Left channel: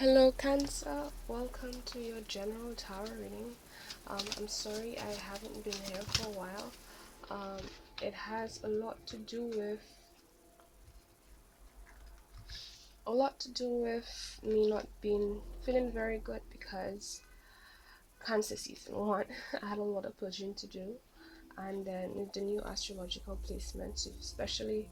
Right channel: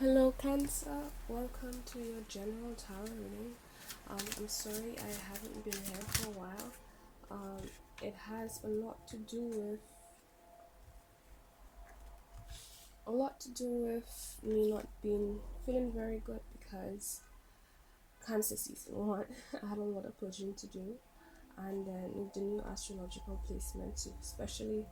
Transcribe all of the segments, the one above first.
Hello, Cancer. Welcome to your general tarot reading. I'm sorry I haven't been here for a while. It has a lot to do with me not being feeling very good because Cancer season one. I had a lot of pushing to do, and then with the new astrological placements, especially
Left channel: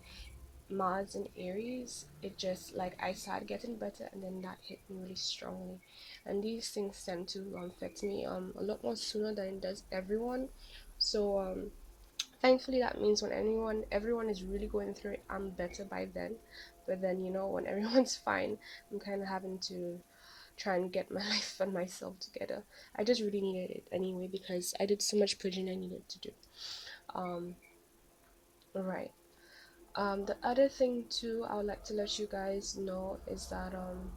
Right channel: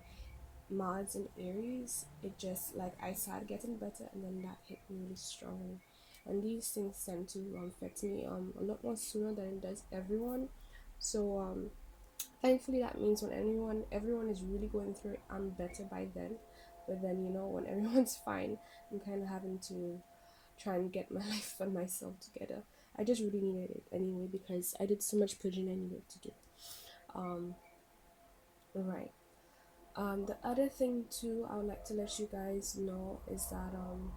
Mars and Aries, it just like I started getting better, and then that hit me really strongly. And these things tend to affect me a lot more sooner than it does everyone. So thankfully that means when everyone is really going through it, I'm better by then. But then when everyone's fine, I'm kind of having to try and get my life and myself together. I just really needed it anyway because I did so much purging I needed to do. Um, right. The other thing too, I would like to let you guys know is that I'm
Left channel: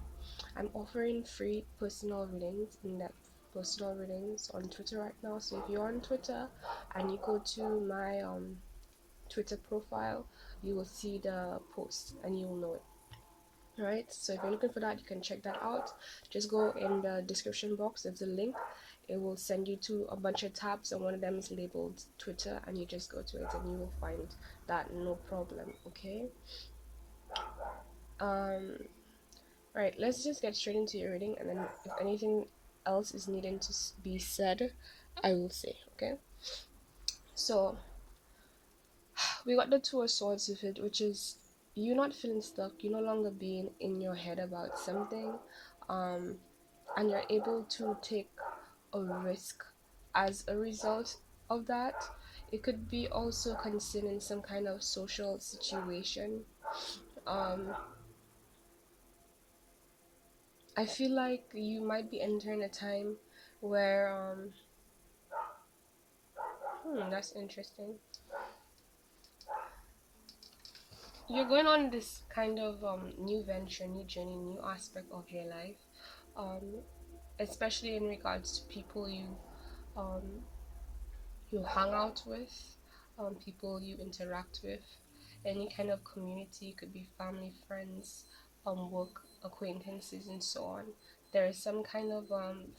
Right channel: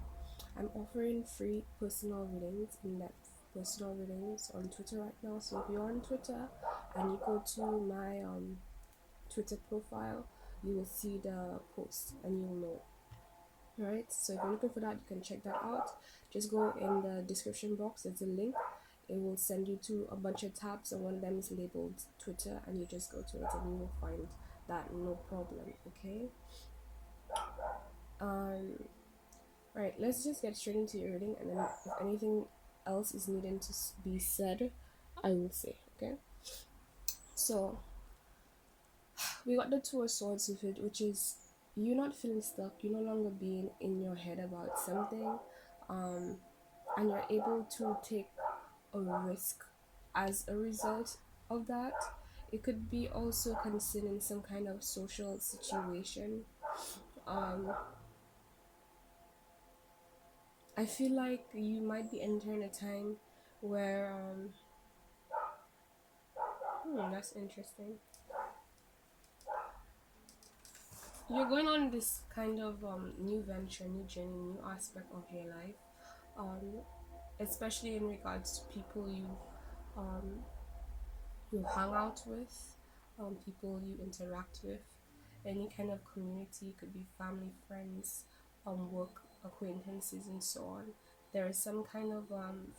offering free personal readings, in-depth personal readings on Twitter right now. So if you're on Twitter and you go to my Twitter profile, you will see the post and you'll know it. Alright, so if you're looking for that, you can check that out. Just go in the description box, there's a link. It will send you to a bunch of tabs, and one of them is labeled Twitter, and you just go to it and you will find that, no problem. Okay. um right, let's just get straight into your reading, and then if anything else is needing to be said, I will say. Okay, so we got the Two of Swords with it, which is you not feeling stuck, you no longer being in your head about something, um and you're able to take a risk as a result of that. It could be also considering some kind of social situation. um I feel like you might be entering a time where that's interesting. You're going on this kind of new venture, new journey, new aspect of your life, um, especially in regards to people um, you hang out with, people you interact with, any kind of community. Could be family, friends, work acquaintances, and so on. There is some kind of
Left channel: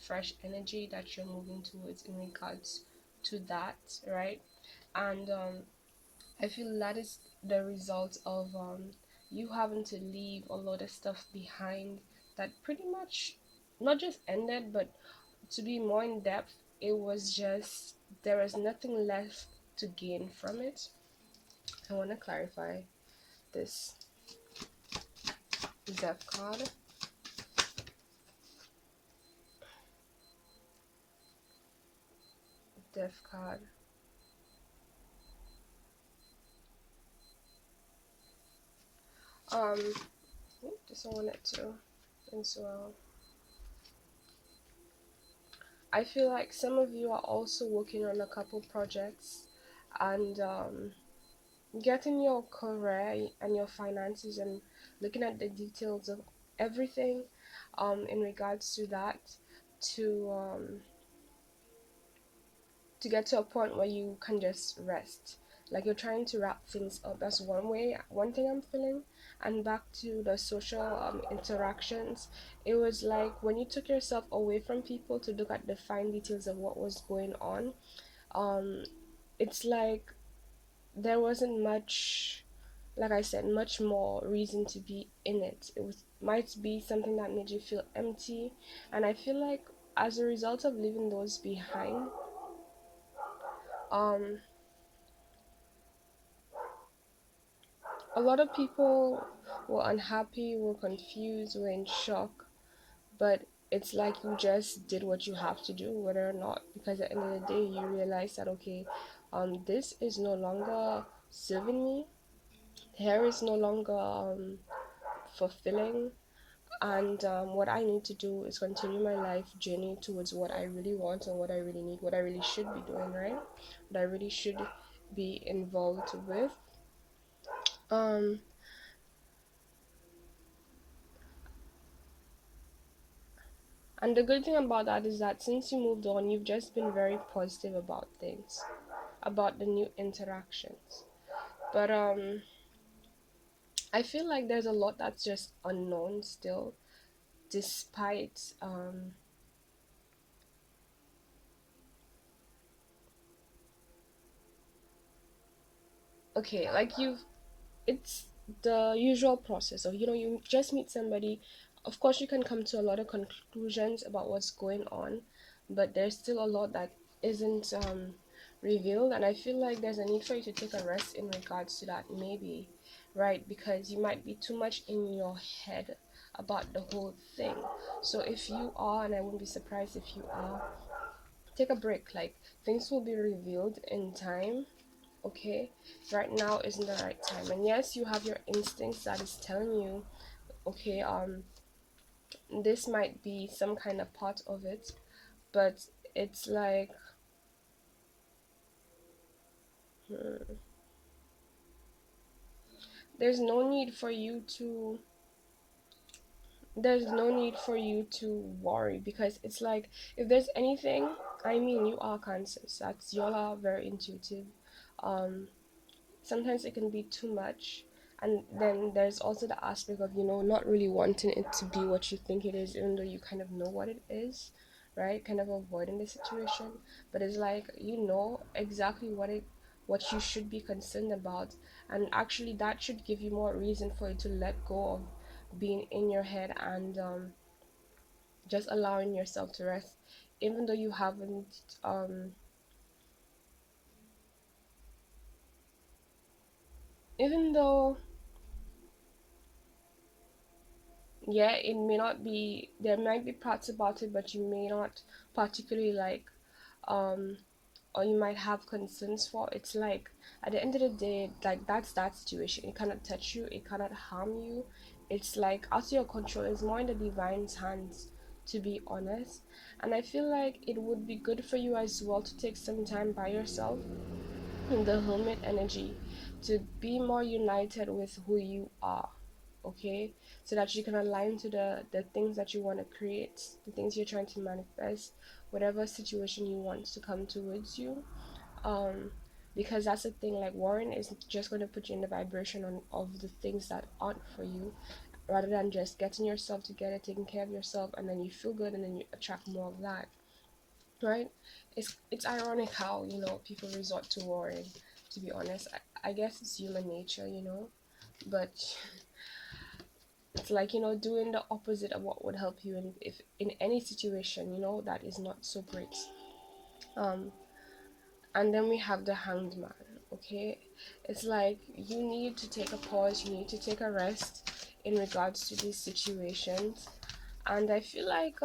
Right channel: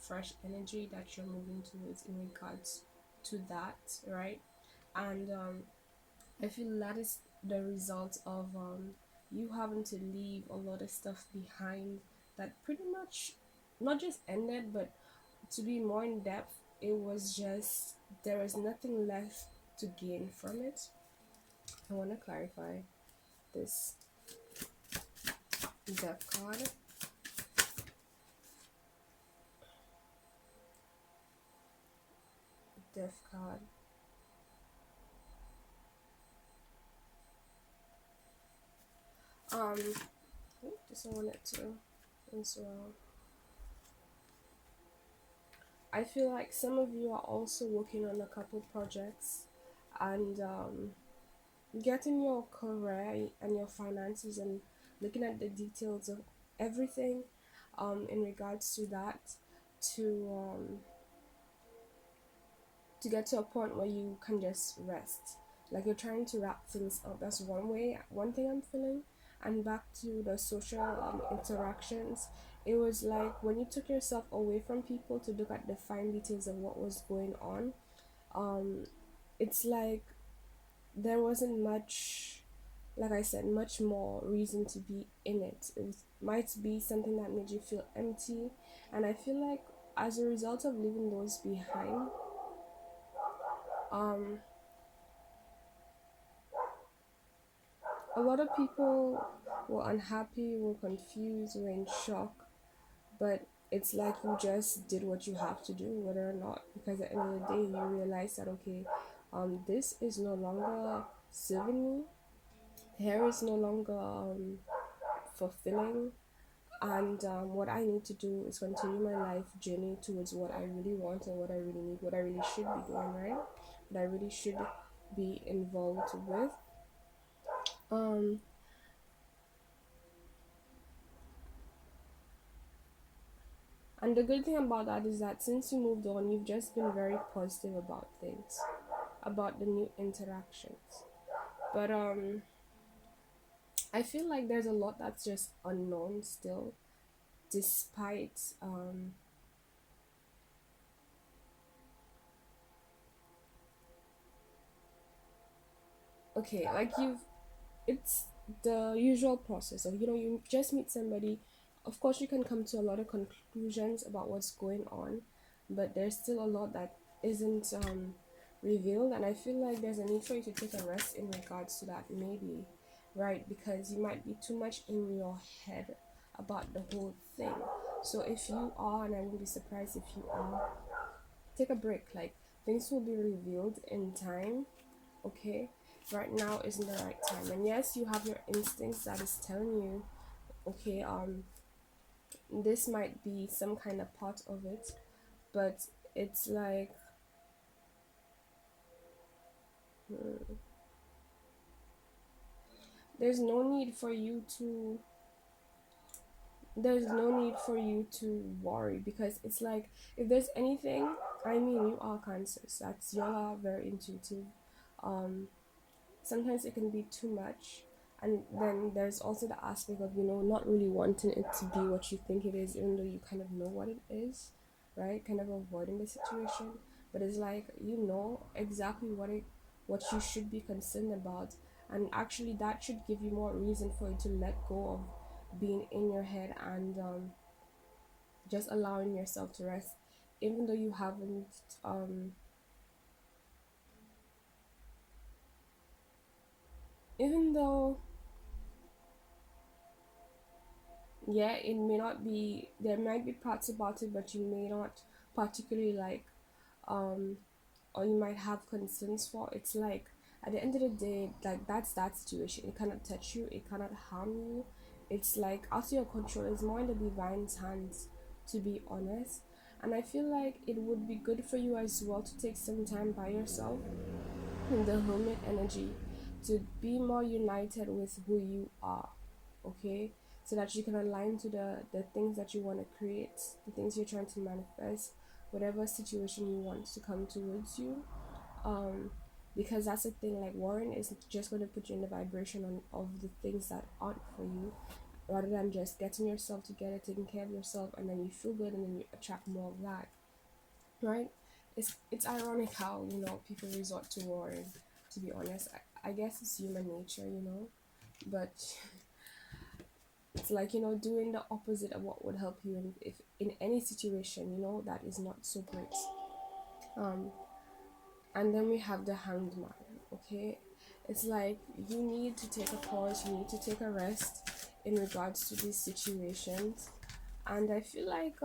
fresh energy that you're moving towards in regards to that, right? And I feel that is the result of you having to leave a lot of stuff behind that pretty much not just ended, but to be more in depth, it was just there was nothing left to gain from it. I want to clarify this death card. Death card. Um, just wanted to as well. I feel like some of you are also working on a couple projects, and getting your career and your finances and looking at the details of everything in regards to that, to to get to a point where you can just rest, like you're trying to wrap things up. That's one thing I'm feeling. And back to the social interactions, it was like when you took yourself away from people to look at the fine details of what was going on, um it's like there wasn't much, like I said, much more reason to be in it. It was might be something that made you feel empty. And I feel like as a result of leaving those behind, um a lot of people were unhappy, were confused, were in shock. But it's like you just did what you have to do, whether or not, because at the end of the day you realize that, okay, this is no longer serving me, hair is no longer fulfilling. And what I need to do is continue my life journey towards what I really want and what I really need, what I really should be doing, right? What I really should be involved with. um and the good thing about that is that since you moved on, you've just been very positive about things, about the new interactions. But I feel like there's a lot that's just unknown still, despite okay, like you've it's the usual process of, you just meet somebody. Of course you can come to a lot of conclusions about what's going on, but there's still a lot that isn't revealed, and I feel like there's a need for you to take a rest in regards to that, maybe, right? Because you might be too much in your head about the whole thing. So if you are, and I wouldn't be surprised if you are, take a break. Like, things will be revealed in time. Okay, right now isn't the right time. And yes, you have your instincts that is telling you, okay, this might be some kind of part of it, but it's like, hmm, there's no need for you to there's no need for you to worry, because it's like, if there's anything, I mean, you are cancers, that's, you are very intuitive. um Sometimes it can be too much, and then there's also the aspect of, not really wanting it to be what you think it is, even though you kind of know what it is, right? Kind of avoiding the situation. But it's like, exactly what you should be concerned about, and actually that should give you more reason for you to let go of being in your head, and just allowing yourself to rest, even though you haven't um even though, yeah, it may not be, there might be parts about it, but you may not particularly like, um or you might have concerns for. It's like, at the end of the day, like, that's that situation. It cannot touch you, it cannot harm you. It's like out of your control. It's more in the divine's hands, to be honest. And I feel like it would be good for you as well to take some time by yourself in the hermit energy, to be more united with who you are, okay? So that you can align to the things that you want to create, the things you're trying to manifest, whatever situation you want to come towards you. um because that's the thing, like, worrying is just going to put you in the vibration of the things that aren't for you, rather than just getting yourself together, taking care of yourself, and then you feel good, and then you attract more of that, right? It's ironic how, people resort to worrying, to be honest. I guess it's human nature, but it's like, doing the opposite of what would help you in, if in any situation, that is not so great. um and then we have the hanged man. Okay, it's like, you need to take a pause, you need to take a rest in regards to these situations. And I feel like,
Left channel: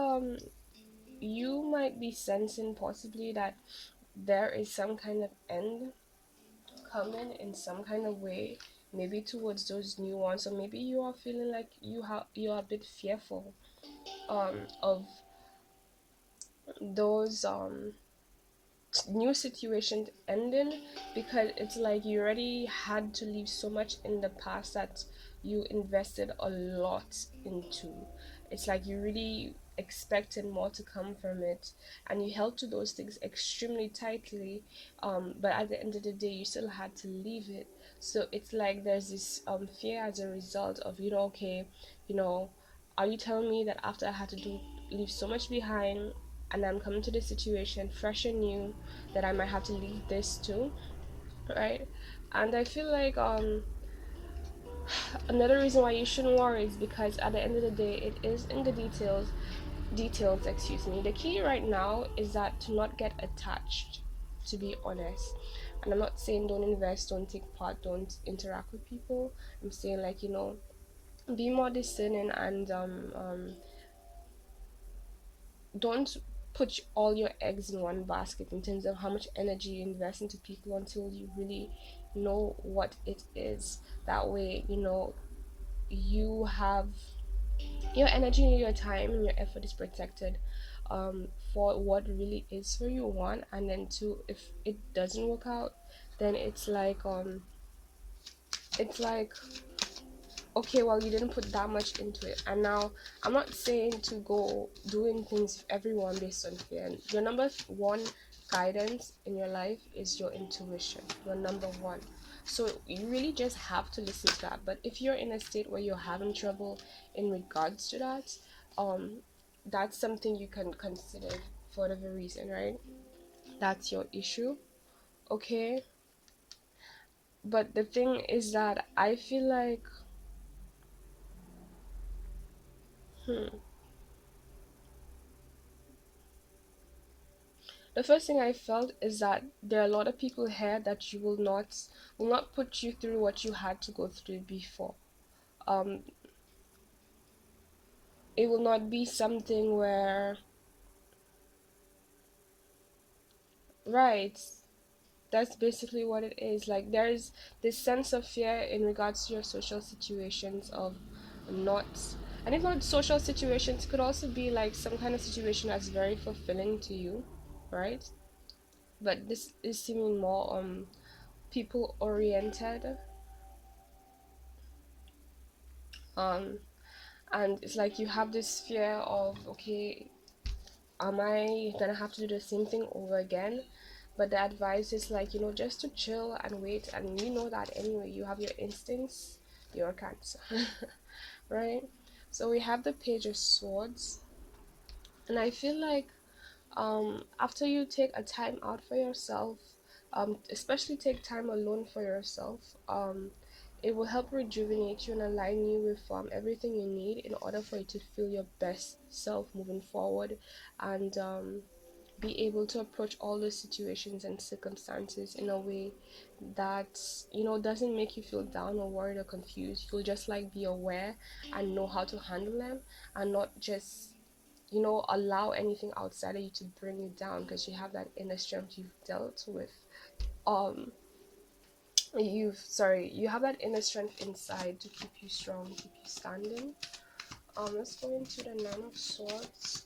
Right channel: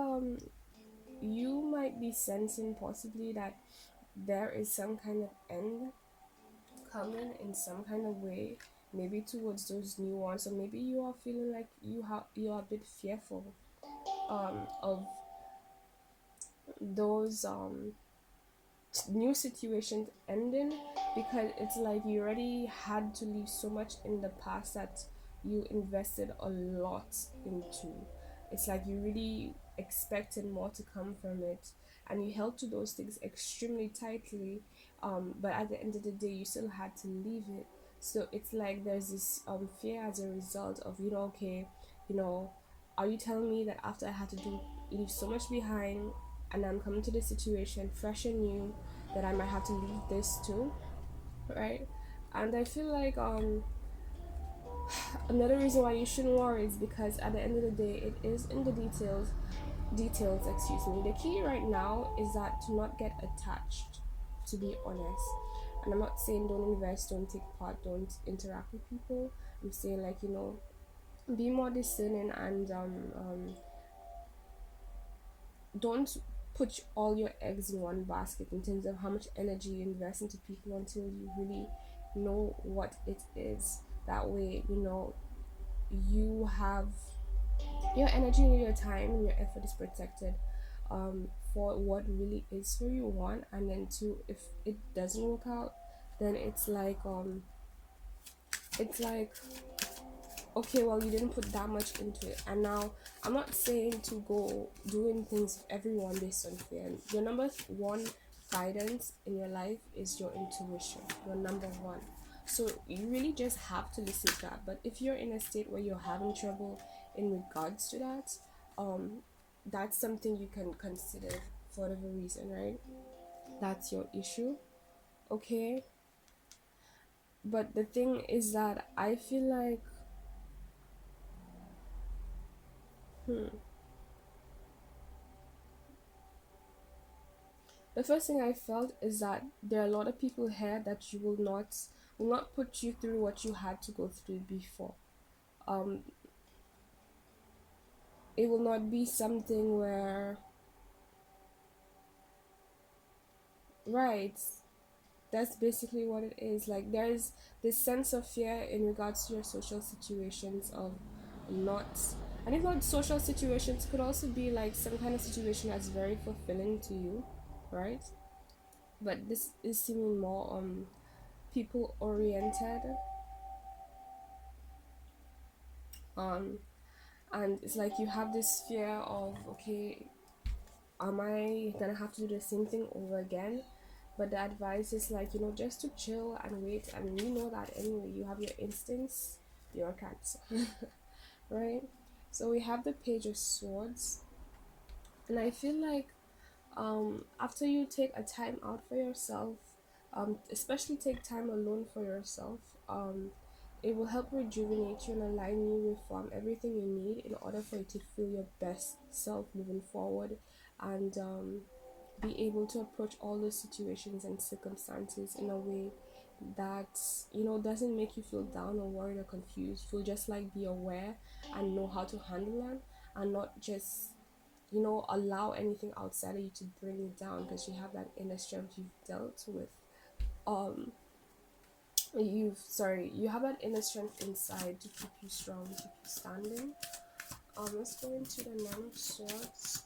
you might be sensing possibly that there is some kind of end coming in some kind of way, maybe towards those new ones. Or maybe you are feeling like you're a bit fearful of those new situations ending, because it's like you already had to leave so much in the past that you invested a lot into. It's like you really expected more to come from it, and you held to those things extremely tightly, but at the end of the day you still had to leave it. So it's like there's this fear as a result of, okay, you know are you telling me that after I had to do leave so much behind, and I'm coming to this situation fresh and new, that I might have to leave this too, right? And I feel like, another reason why you shouldn't worry is because at the end of the day, it is in the details, excuse me. The key right now is that to not get attached, to be honest. And I'm not saying don't invest, don't take part, don't interact with people. I'm saying, like, be more discerning, and don't put all your eggs in one basket in terms of how much energy you invest into people until you really know what it is. That way, you have your energy, your time, and your effort is protected, for what really is for you, one. And then two, if it doesn't work out, then it's like, okay, well, you didn't put that much into it. And now, I'm not saying to go doing things with everyone based on fear. And your number one guidance in your life is your intuition, your number one. So you really just have to listen to that. But if you're in a state where you're having trouble in regards to that, um that's something you can consider for whatever reason, right? That's your issue, okay? But the thing is that I feel like, hmm, the first thing I felt is that there are a lot of people here that you will not put you through what you had to go through before. um it will not be something where, right, that's basically what it is. Like, there's this sense of fear in regards to your social situations of not, and if not social situations, it could also be like some kind of situation that's very fulfilling to you, right? But this is seeming more people oriented. um and it's like you have this fear of, okay, am I gonna have to do the same thing over again? But the advice is like, just to chill and wait, and you know that anyway, you have your instincts, your cancer. Right? So we have the Page of Swords, and I feel like, after you take a time out for yourself, especially take time alone for yourself, it will help rejuvenate you and align you with everything you need in order for you to feel your best self moving forward, and be able to approach all those situations and circumstances in a way that doesn't make you feel down or worried or confused. You'll just like be aware and know how to handle them, and not just allow anything outside of you to bring you down, because you have that inner strength you've dealt with. um you have that inner strength inside to keep you strong, keep you standing. Let's go into the Nine of Swords.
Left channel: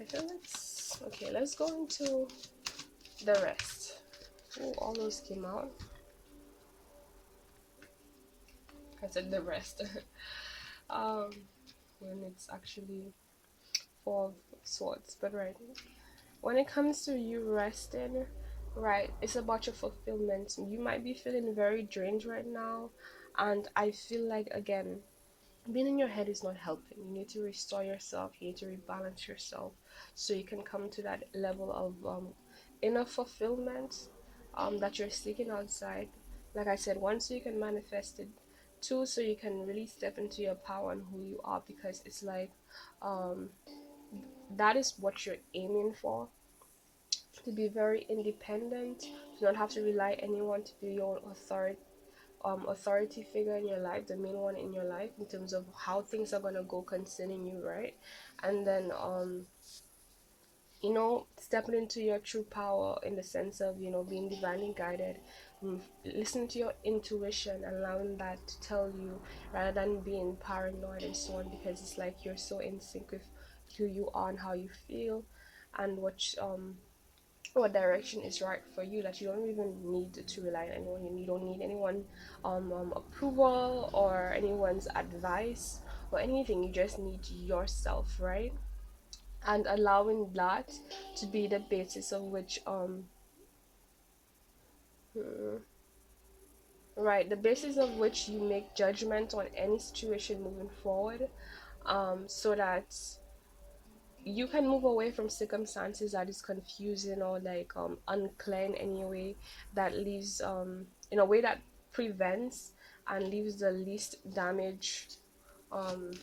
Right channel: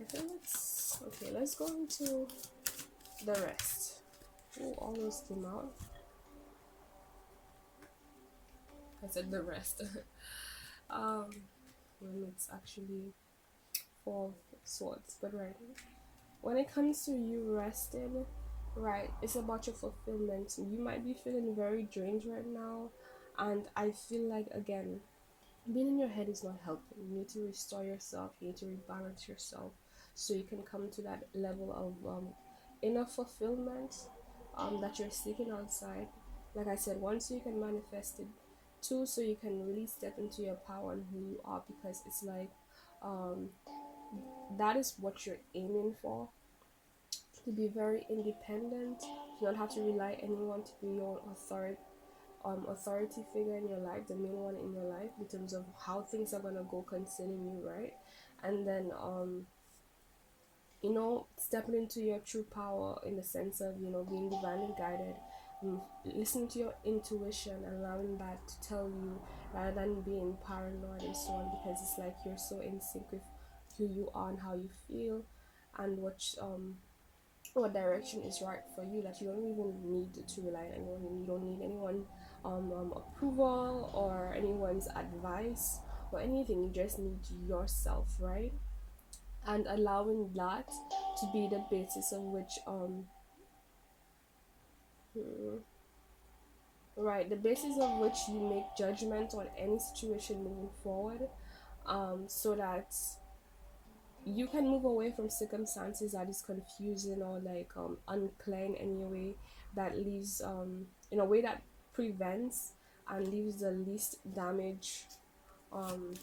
I feel let's go into the rest. Ooh, all those came out. I said the rest. um when it's actually Four of Swords. But right, when it comes to you rested, right, it's about your fulfillment. You might be feeling very drained right now, and I feel like, again, being in your head is not helping. You need to restore yourself, you need to rebalance yourself, so you can come to that level of inner fulfillment that you're seeking outside. Like I said, one, so you can manifest it; two, so you can really step into your power and who you are, because it's like, um, that is what you're aiming for, to be very independent, to not have to rely anyone, to be your authority figure in your life, the main one in your life, in terms of how things are gonna go concerning you, right? And then stepping into your true power, in the sense of being divinely guided. Listen to your intuition, allowing that to tell you, rather than being paranoid and so on, because it's like you're so in sync with who you are and how you feel, and what direction is right for you, that you don't even need to rely on anyone. You don't need anyone approval or anyone's advice or anything. You just need yourself, right? And allowing that to be the basis of which hmm, right, the basis of which you make judgment on any situation moving forward, so that you can move away from circumstances that is confusing or like unclear in any way, that leaves in a way that prevents and leaves the least damage um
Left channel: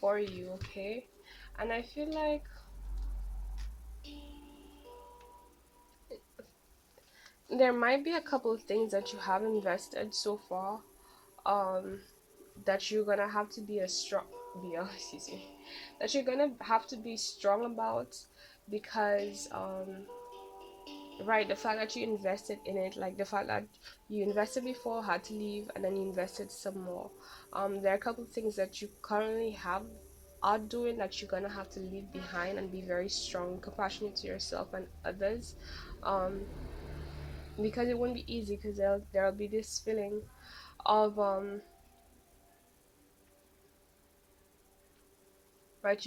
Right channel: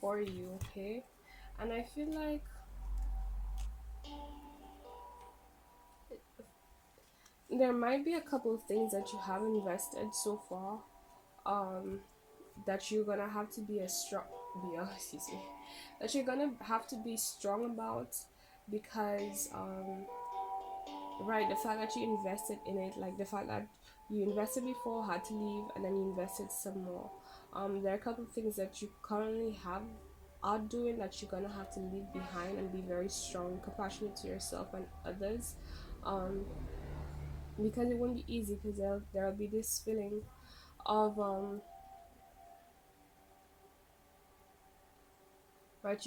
for you, okay? And I feel like there might be a couple of things that you have invested so far, um that you're gonna have to be a strong be a, excuse me, that you're gonna have to be strong about, because right, the fact that you invested in it, like the fact that you invested before, had to leave, and then you invested some more. There are a couple of things that you currently have are doing that you're gonna have to leave behind, and be very strong, compassionate to yourself and others, um because it won't be easy, because there'll be this feeling of right,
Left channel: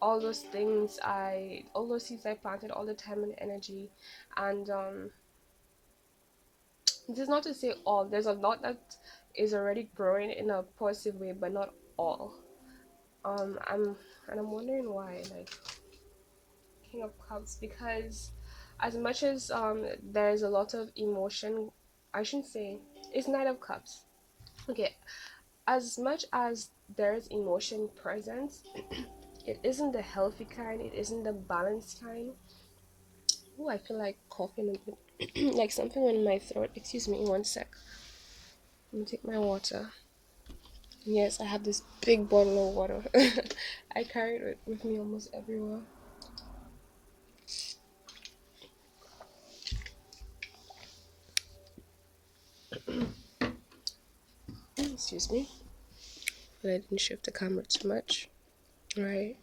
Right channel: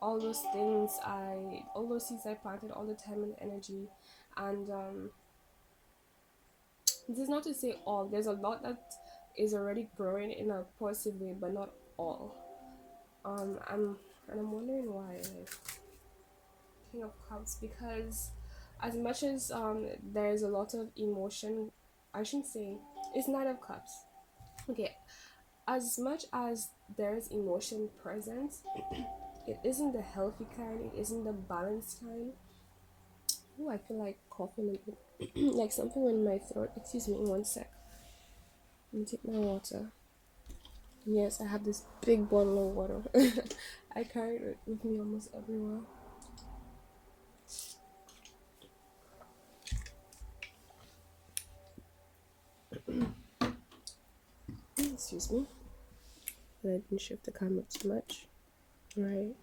all those seeds I planted, all the time and energy, and this is not to say all. There's a lot that is already growing in a positive way, but not all. I'm and I'm wondering why, like King of Cups, because as much as there's a lot of emotion, I shouldn't say it's Knight of Cups. Okay, as much as there's emotion present, it isn't the healthy kind, it isn't the balanced kind. Oh, I feel like coughing a bit, like something in my throat. Excuse me, one sec. Let me take my water. Yes, I have this big bottle of water. I carry it with me almost everywhere. Excuse me, but I didn't shift the camera too much. Right.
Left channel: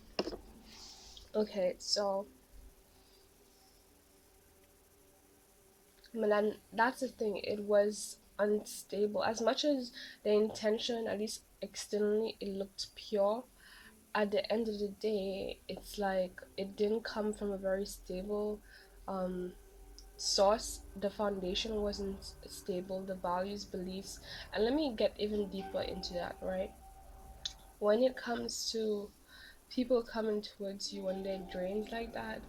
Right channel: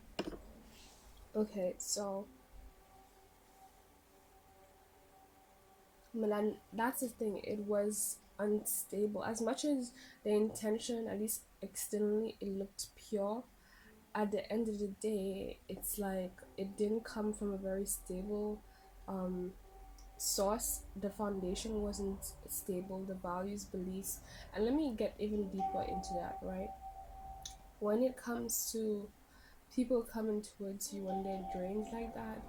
Okay, so but then that's the thing. It was unstable. As much as the intention, at least externally, it looked pure. At the end of the day, it's like it didn't come from a very stable um source. The foundation wasn't stable, the values, beliefs. And let me get even deeper into that, right? When it comes to people coming towards you when they're drained like that,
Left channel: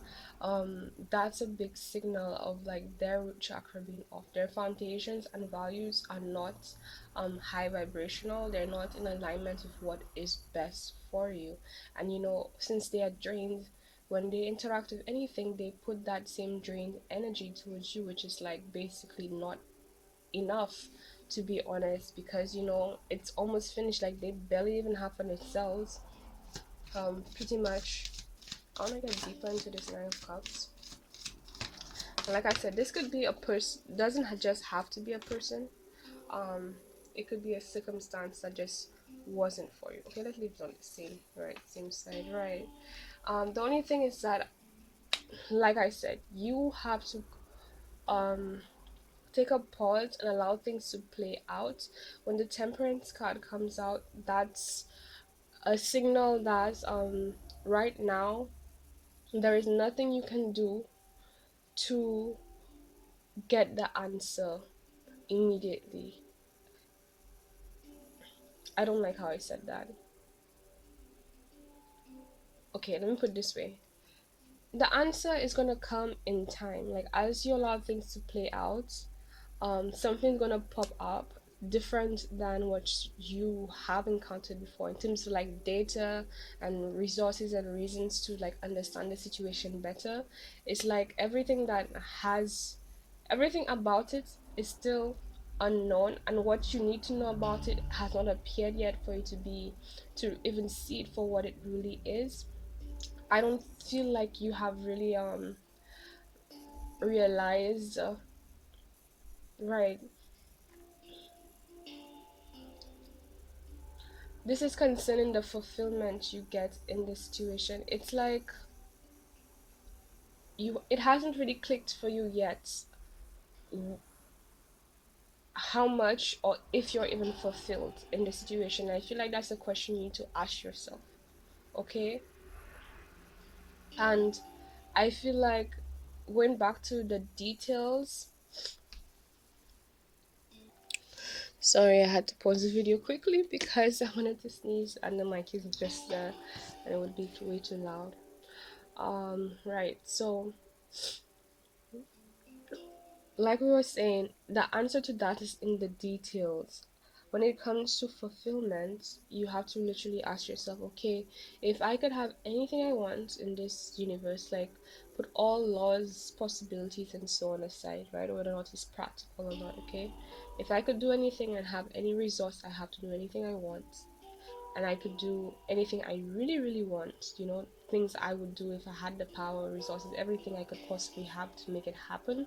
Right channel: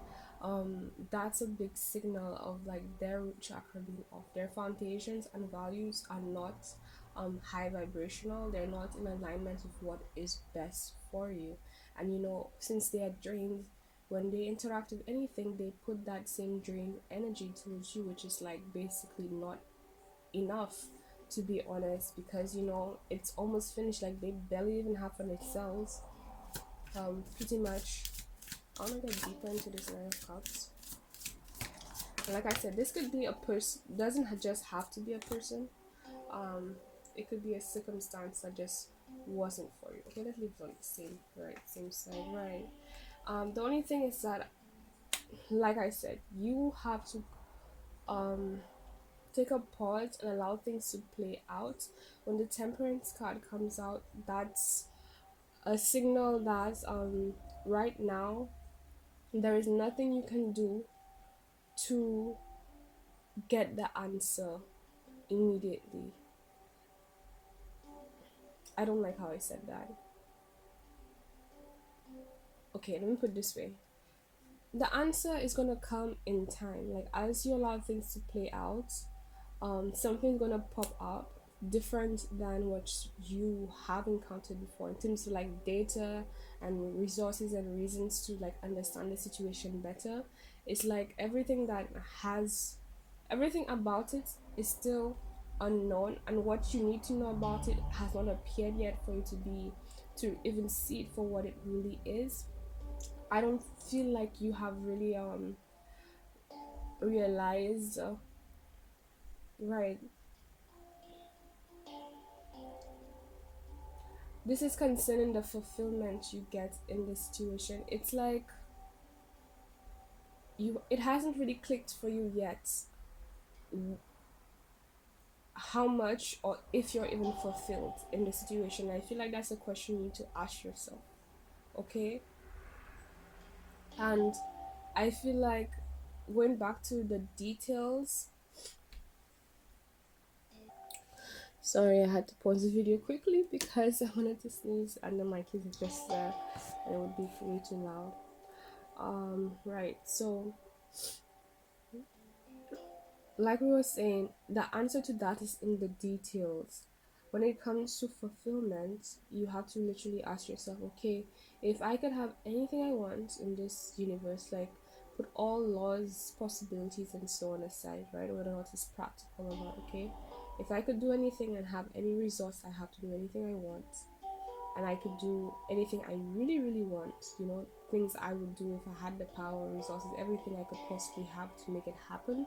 that's a big signal of like their root chakra being off. Their foundations and values are not high vibrational, they're not in alignment with what is best for you. And you know, since they are drained, when they interact with anything, they put that same drained energy towards you, which is like basically not enough, to be honest, because you know it's almost finished, like they barely even have on its cells. Pretty much I want to get deeper into this Nine of Cups. And like I said, this could be a person, doesn't just have to be a person. Um, it could be a circumstance that just wasn't for you. Okay, let's leave it on the same, right? Same side, right? The only thing is that, like I said, you have to um take a pause and allow things to play out. When the Temperance card comes out, that's a signal that right now there is nothing you can do to get the answer immediately. I don't like how I said that. Okay, let me put it this way. The answer is gonna come in time. Like as you allow things to play out, something's gonna pop up different than what you have encountered before in terms of like data and resources and reasons to like understand the situation better. It's like everything about it is still unknown, and what you need to know about it has not appeared yet for you to even see it for what it really is. I don't feel like you have really realized right. This is concerning the fulfillment you get in this situation. It's like it hasn't really clicked for you yet how much or if you're even fulfilled in the situation. I feel like that's a question you need to ask yourself. Okay? And I feel like going back to the details. Sorry, I had to pause the video quickly because I wanted to sneeze and the mic is just there and it would be way too loud. Right. So, like we were saying, the answer to that is in the details. When it comes to fulfillment, you have to literally ask yourself, okay, if I could have anything I want in this universe, like put all laws, possibilities, and so on aside, right? Whether or not it's practical or not, okay? If I could do anything and have any resource, I have to do anything I want. And I could do anything I really, really want, you know, things I would do if I had the power, resources, everything I could possibly have to make it happen.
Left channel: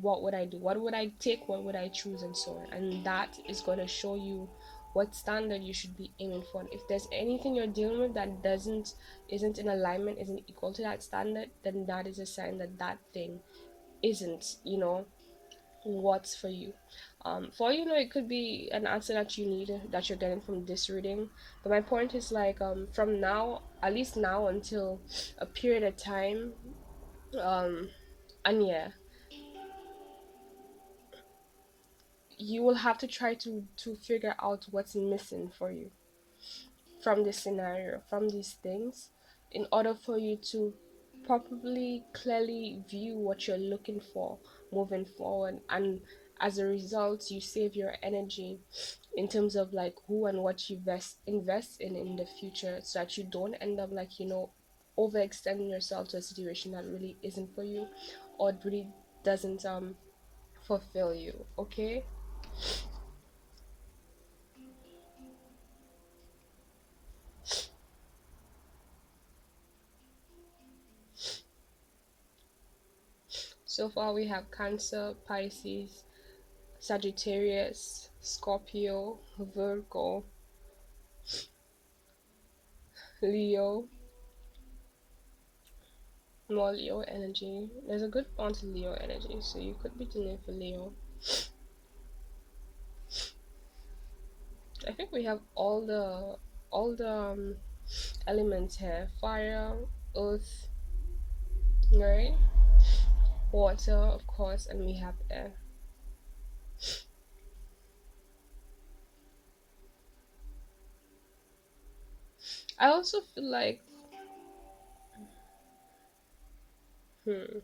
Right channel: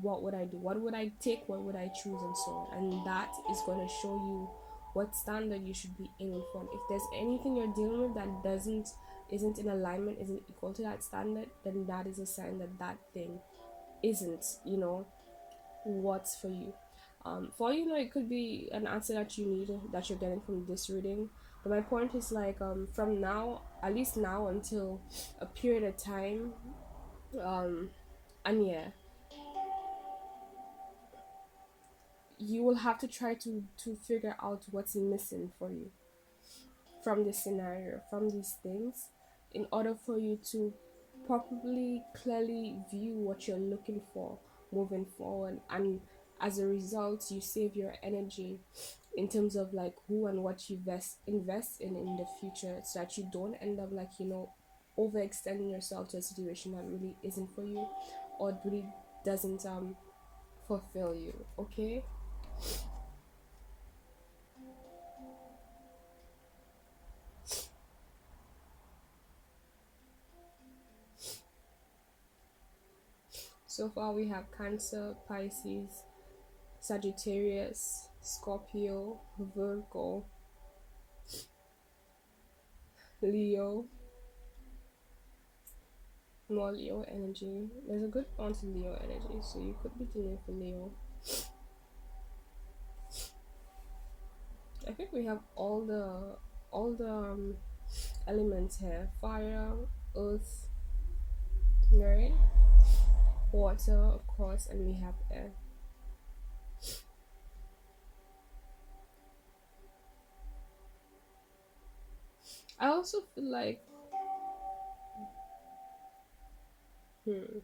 What would I do? What would I take? What would I choose? And so on. And that is going to show you what standard you should be aiming for. And if there's anything you're dealing with that isn't in alignment, isn't equal to that standard, then that is a sign that that thing isn't, you know, what's for you. For you know, it could be an answer that you need that you're getting from this reading. But my point is like from now, at least now until a period of time, um, and yeah, you will have to try to figure out what's missing for you. from this scenario, from these things, in order for you to properly, clearly view what you're looking for moving forward. And as a result, you save your energy in terms of like who and what you invest in the future, so that you don't end up like, overextending yourself to a situation that really isn't for you, or it really doesn't fulfill you. Okay. So far we have Cancer, Pisces, Sagittarius, Scorpio, Virgo, Leo. More Leo energy. There's a good amount of Leo energy, so you could be dealing for Leo. I think we have all the elements here: fire, earth, right? Water, of course, and we have air. I also feel like, hmm,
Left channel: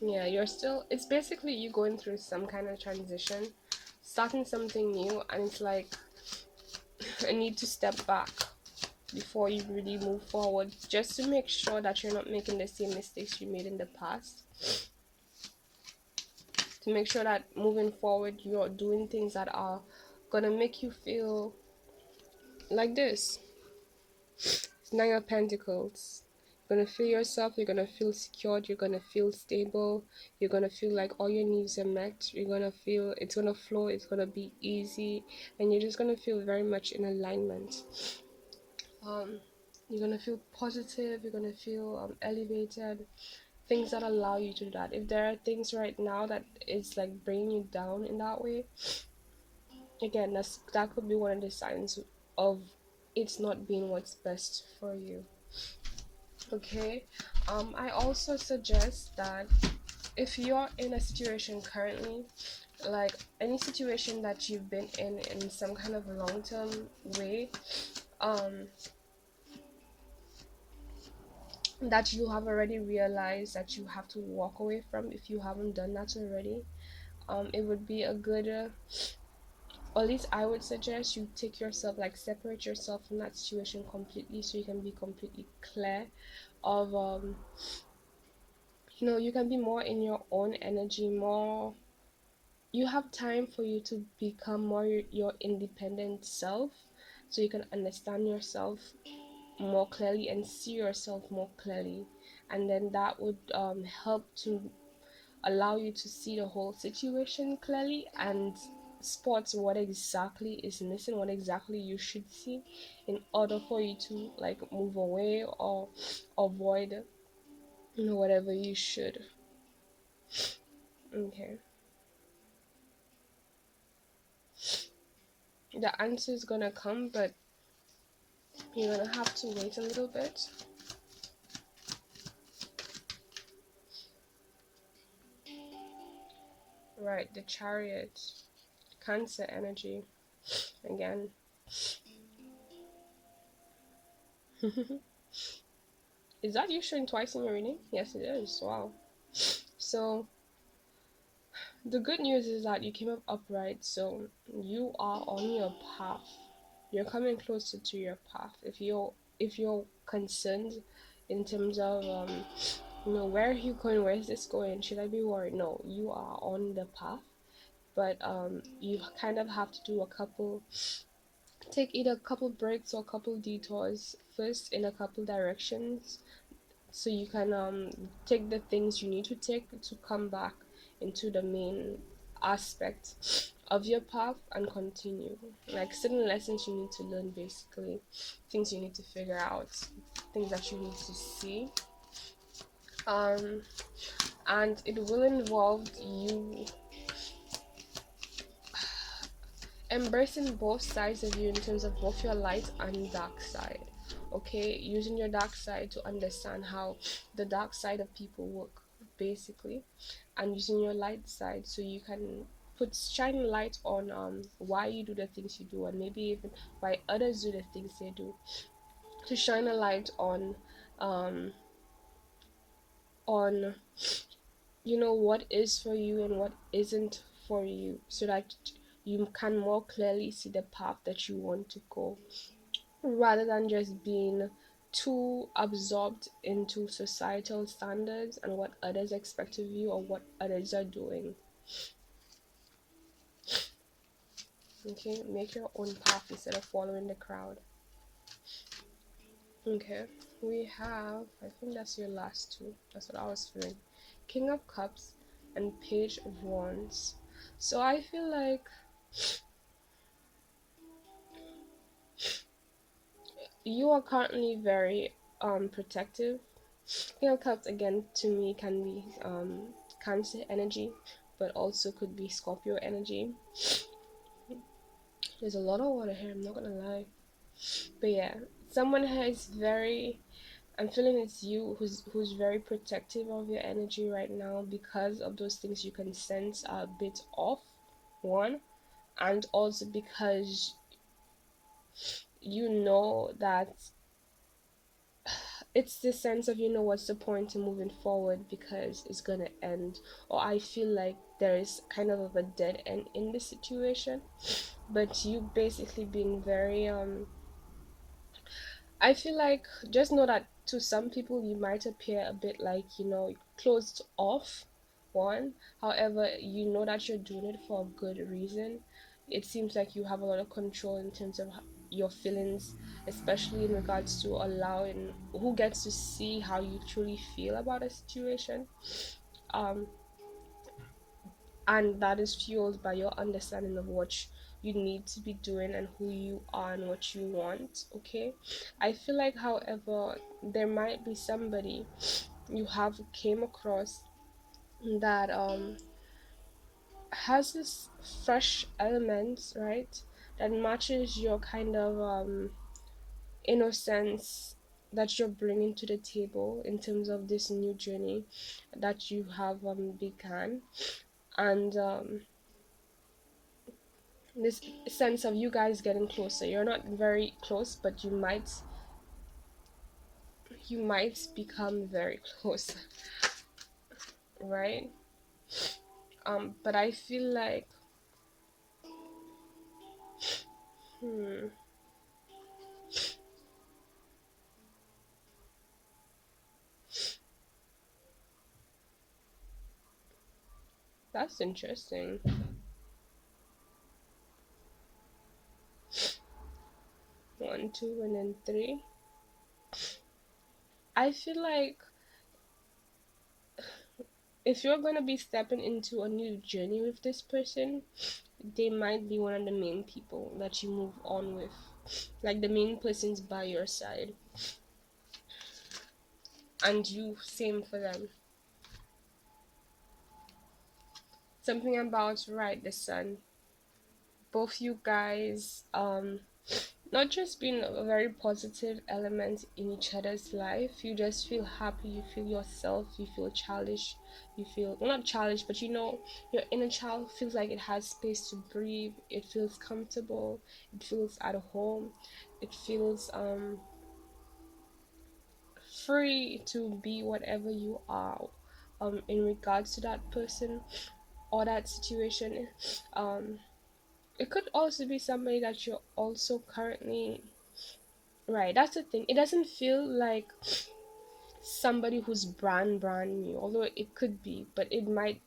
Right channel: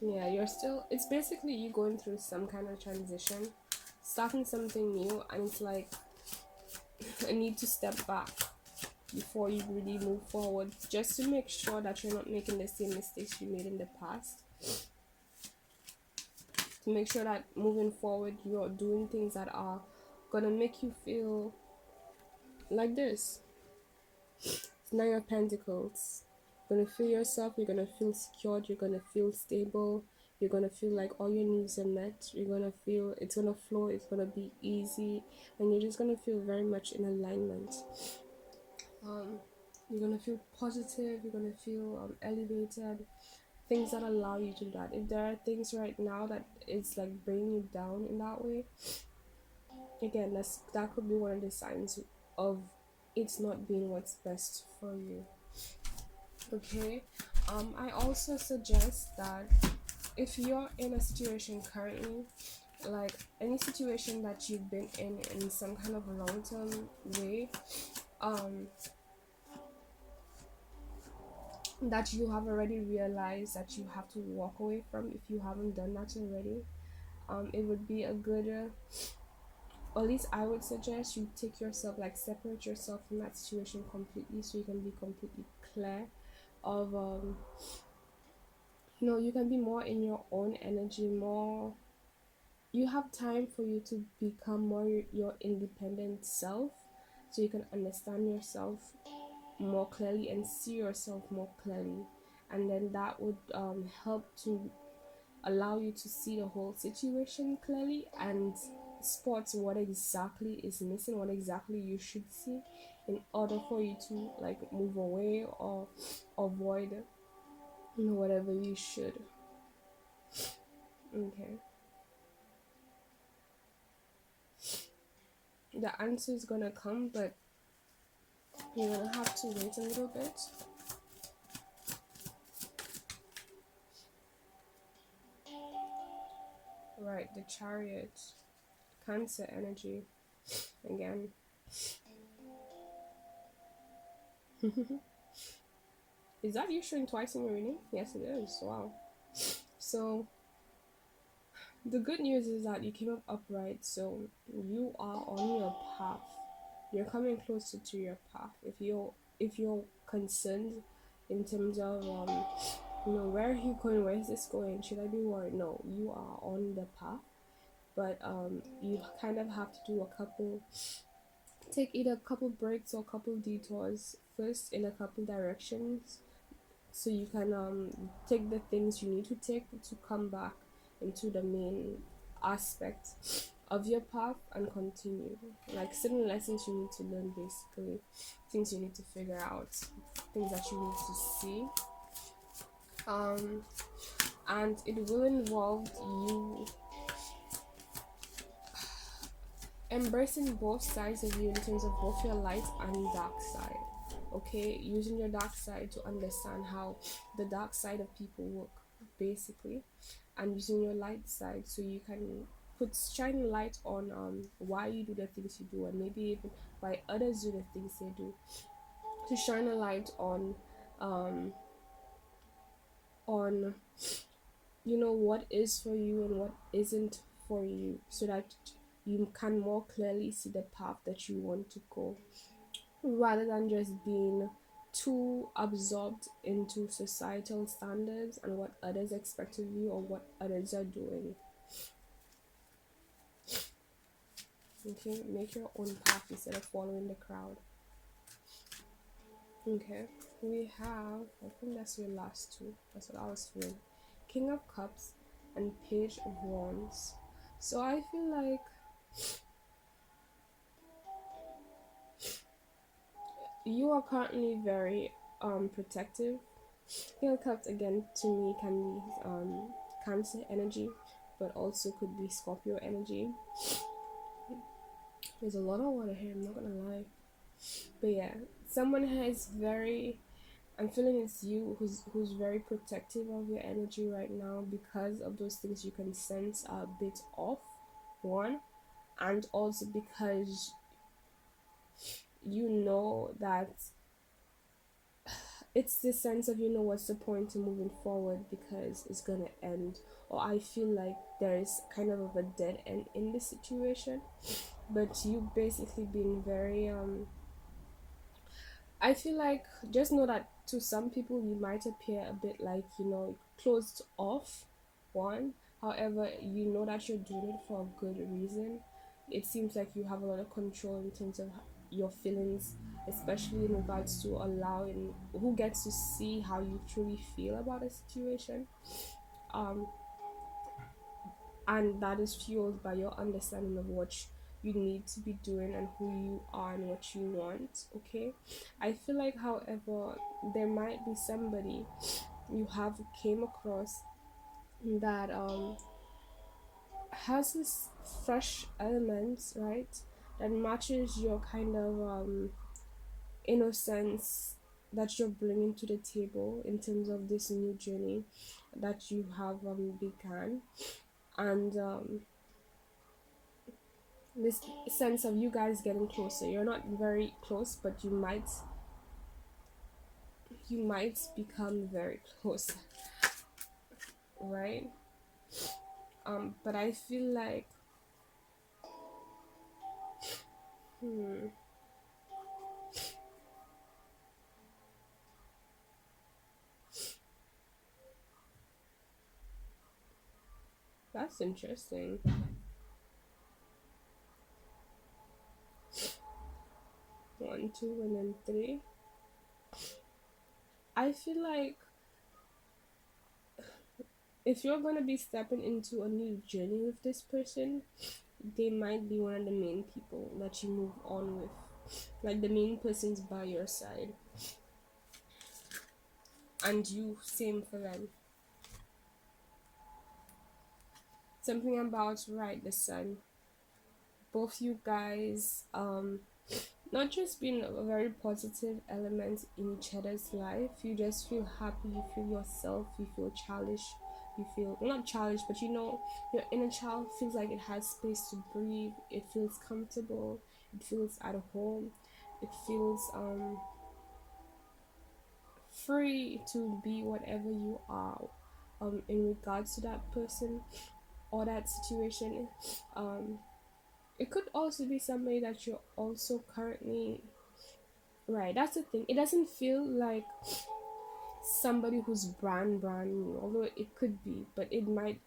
yeah, you're still. It's basically you going through some kind of transition, starting something new, and it's like a need to step back before you really move forward, just to make sure that you're not making the same mistakes you made in the past, to make sure that moving forward you're doing things that are gonna make you feel like this. It's Nine of Pentacles. You're gonna feel yourself, you're gonna feel secured, you're gonna feel stable, you're gonna feel like all your needs are met, you're gonna feel it's gonna flow, it's gonna be easy, and you're just gonna feel very much in alignment. um you're gonna feel positive, you're gonna feel elevated, things that allow you to do that. If there are things right now that is like bringing you down in that way, again, that could be one of the signs of it's not being what's best for you. Okay. I also suggest that if you're in a situation currently, like any situation that you've been in some kind of long-term way, um that you have already realized that you have to walk away from, if you haven't done that already, it would be a good or at least I would suggest you take yourself, like separate yourself from that situation completely, so you can be completely clear of you can be more in your own energy, more you have time for you to become more your independent self, so you can understand yourself more clearly and see yourself more clearly, and then that would help to allow you to see the whole situation clearly and spot what exactly is missing, what exactly you should see, in order for you to like move away or avoid whatever you should. Okay. The answer is gonna come, but you're gonna have to wait a little bit. Right, the Chariot, Cancer energy again. Is that you showing twice in your reading? Yes, it is. Wow. So the good news is that you came up upright, so you are on your path. You're coming closer to your path. If you're concerned in terms of where are you going, where is this going, should I be worried? No, you are on the path, but you kind of have to do take either a couple breaks or a couple detours first in a couple directions, so you can take the things you need to take to come back into the main aspect of your path and continue, like certain lessons you need to learn, basically things you need to figure out, things that you need to see, um and it will involve you embracing both sides of you in terms of both your light and dark side. Okay, using your dark side to understand how the dark side of people work, basically, and using your light side so you can put shine light on why you do the things you do, and maybe even why others do the things they do, to shine a light um on what is for you and what isn't for you, so that you can more clearly see the path that you want to go, rather than just being too absorbed into societal standards and what others expect of you or what others are doing. Okay, make your own path instead of following the crowd. Okay, we have, I think that's your last two. That's what I was feeling. King of Cups and Page of Wands. So I feel like you are currently very protective. King of Cups again to me can be Cancer energy, but also could be Scorpio energy. There's a lot of water here, I'm not gonna lie. But yeah, someone has very, I'm feeling it's you who's very protective of your energy right now, because of those things you can sense are a bit off. One, and also because you know that it's this sense of, what's the point in moving forward because it's gonna end, or I feel like there is kind of a dead end in this situation. But you basically being very I feel like, just know that to some people you might appear a bit like, closed off. One, however, you know that you're doing it for a good reason. It seems like you have a lot of control in terms of your feelings, especially in regards to allowing who gets to see how you truly feel about a situation. Um, and that is fueled by your understanding of what you need to be doing and who you are and what you want. Okay, I feel like, however, there might be somebody you have came across that has this fresh element, right, that matches your kind of innocence that you're bringing to the table in terms of this new journey that you have begun. And this sense of you guys getting closer, you're not very close, but you might become very close. Right? But I feel like, hmm, that's interesting. 1 2 and then 3. I feel like if you're gonna be stepping into a new journey with this person, they might be one of the main people that you move on with, like the main person's by your side, and you same for them. Something about, right, the sun, both you guys not just being a very positive element in each other's life. You just feel happy, you feel yourself, you feel childish, you feel, well, not childish, but your inner child feels like it has space to breathe, it feels comfortable, it feels at home, it feels free to be whatever you are in regards to that person or that situation. um it could also be somebody that you're also currently, right, that's the thing, it doesn't feel like somebody who's brand new, although it could be, but it might,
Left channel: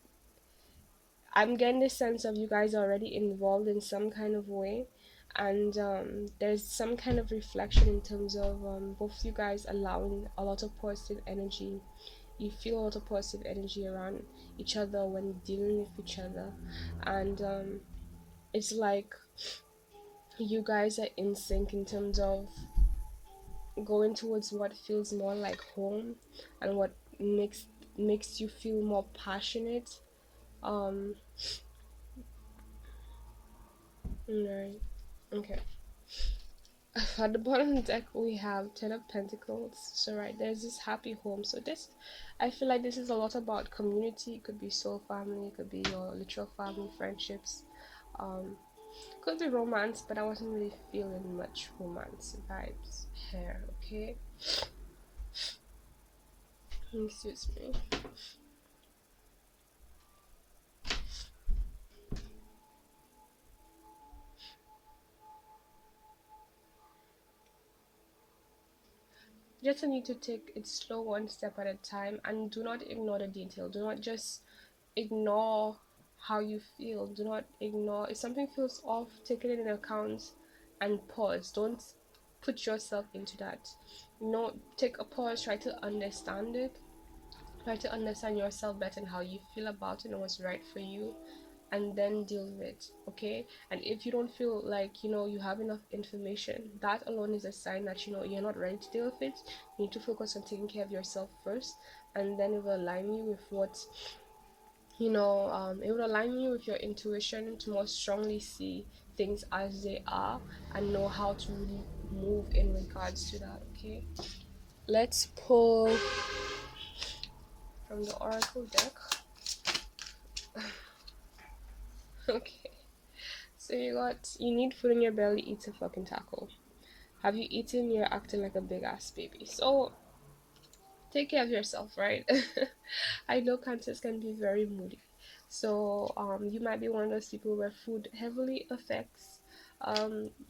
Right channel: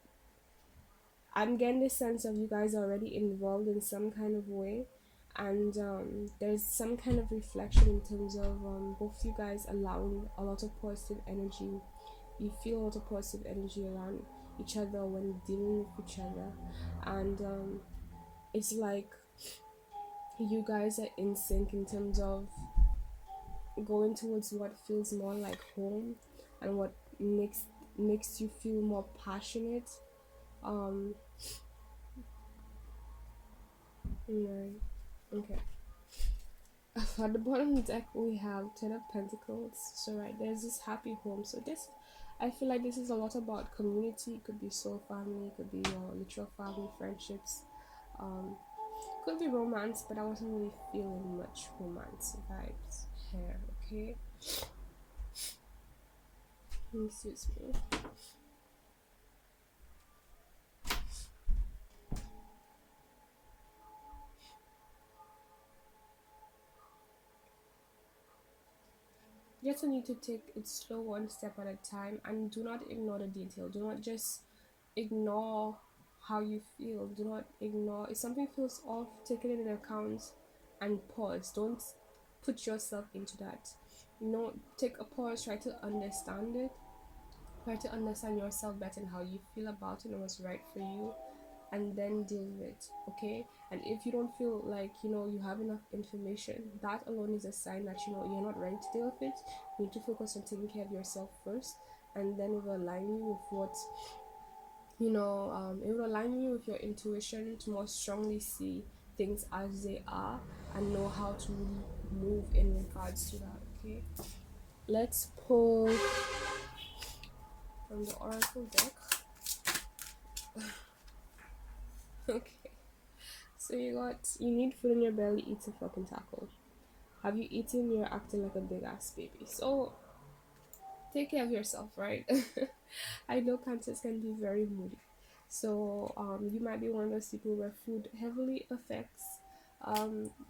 I'm getting the sense of you guys are already involved in some kind of way. And there's some kind of reflection in terms of both you guys allowing a lot of positive energy. You feel a lot of positive energy around each other when dealing with each other. And it's like you guys are in sync in terms of going towards what feels more like home, and what makes you feel more passionate. um right, okay. At the bottom deck we have Ten of Pentacles. So right, there's this happy home. So this, I feel like this is a lot about community. It could be soul family, it could be your literal family, friendships, um, could be romance, but I wasn't really feeling much romance vibes here. Okay, excuse me. Just need to take it slow, one step at a time, and do not ignore the detail. Do not just ignore how you feel. Do not ignore if something feels off. Take it into account and pause. Don't put yourself into that. No, take a pause. Try to understand it. Try to understand yourself better and how you feel about it and what's right for you, and then deal with it. Okay, and if you don't feel like you have enough information, that alone is a sign that you're not ready to deal with it. You need to focus on taking care of yourself first, and then it will align you with what it will align you with your intuition to more strongly see things as they are and know how to really move in regards to that. Okay, let's pull from the oracle deck. Okay, so you need food in your belly, eat a fucking taco. Have you eaten? You're acting like a big ass baby. So take care of yourself, right? I know cancers can be very moody. So you might be one of those people where food heavily affects